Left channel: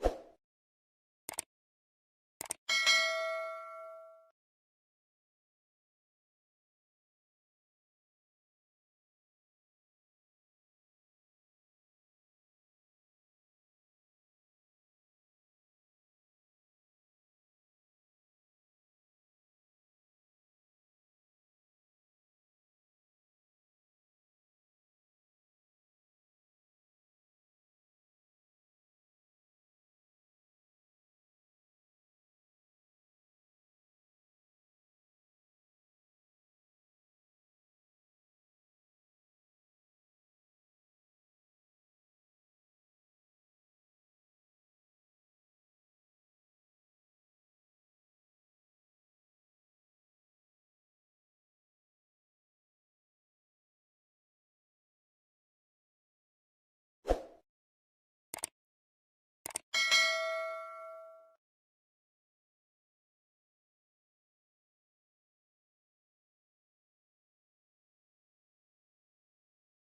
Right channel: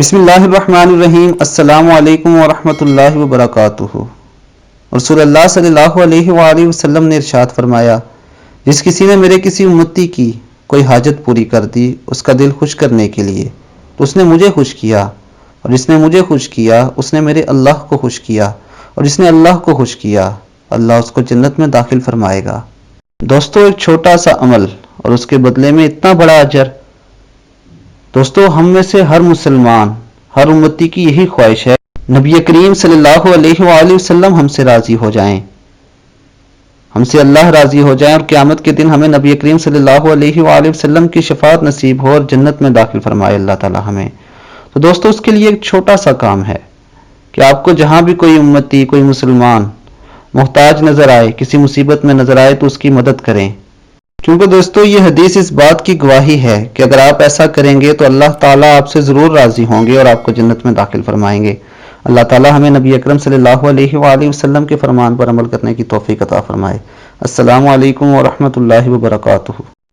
बिस्मिल्लाहिर्रहमानिर्रहीम। अस्सलामु अलैकुम वरहमतुल्लाहि वबरकातुहू। रसूल अल्लाह सल्लल्लाहु अलैहि वसल्लम ने इरशाद फरमाया, जिस किसी ने मेरे किसी उम्मती की कोई हाजत पूरी कर दी उसका दिल खुश करने के लिए, तो उसने मुझे खुश किया, और जिसने मुझे खुश किया उसने मेरे अल्लाह को खुश किया, और जिसने अल्लाह को खुश किया अल्लाह उसको जन्नत में दाखिल फरमाएगा। दोस्तों, एक छोटा सा अमल और उसके बदले में इतना बड़ा अजर। दोस्तों, हम में से हर मुसलमान, हर उम्मती की यही ख्वाहिश है नबी करीम सल्लल्लाहु अलैहि वसल्लम हमसे राजी हो जाएं, हमसे अल्लाह राजी हो जाए और क़यामत के दिन हमें नबी करीम सल्लल्लाहु अलैहि वसल्लम की शफाअत नसीब हो और जन्नत में दाखिल फरमाए अल्लाह ताला हमें। तो दोस्तों, उसके लिए एक छोटा सा काम है कि आपको जहां भी कोई उम्मती, कोई मुसलमान मोहताज नजर आए, किसी मुसीबत में नजर आए, तो उसकी मदद करें। क्योंकि दोस्तों, ये हदीस इस बात की गवाही है कि अगर आप ऐसा करेंगे तो अल्लाह ताला आपसे ज़रूर राज़ी होंगे और आपको जन्नत में दाखिल फरमाएंगे। अल्लाह ताला हमें नबी अकरम सल्लल्लाहु अलैहि वसल्लम के फरमान पर अमल करने की तौफीक अता फरमाए। अस्सलामु अलैकुम व रहमतुल्लाहि व बरकातुहू।